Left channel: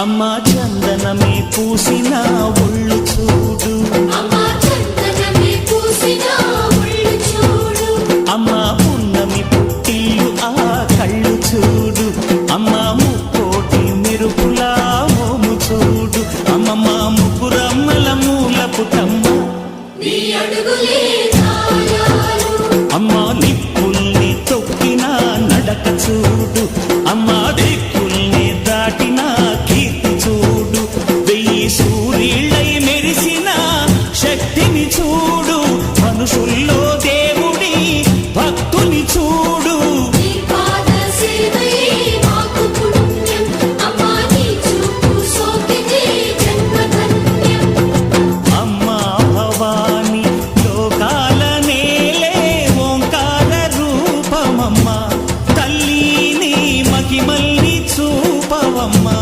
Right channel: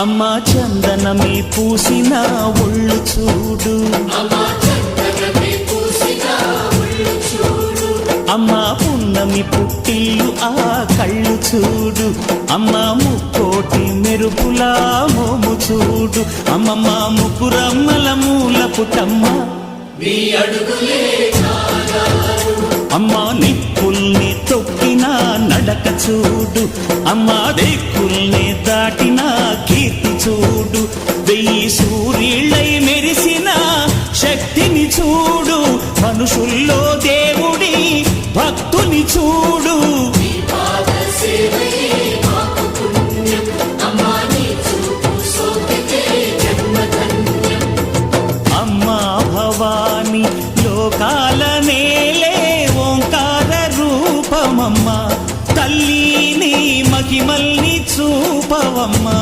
అమ్మా చందనమే పూసిన ఒళ్ళు చూడు, అమ్మా పున్నమి పుట్టిల్లు ఆ కళ్ళు చూడు, అమ్మా ముక్కోటి మెరుపులా మోము చూడు, అమ్మమ్మ ముగ్గురమ్మల మూల పుటమ్మ అమ్మా నిప్పుల్ని తొక్కిన నడక చూడు, అమ్మా దిక్కుల్ని దాటిన కీర్తి చూడు, 1000 సూర్యుళ్ళై మెరిసిన శక్తిని చూడు, మనుషుల్లో దేవుడి భక్తుని చూడు. అమ్మా భవాని లోకాల నేలే ఓంకార రూపమమ్మా, తల్లిని మహిమల్ని చూపవమ్మా.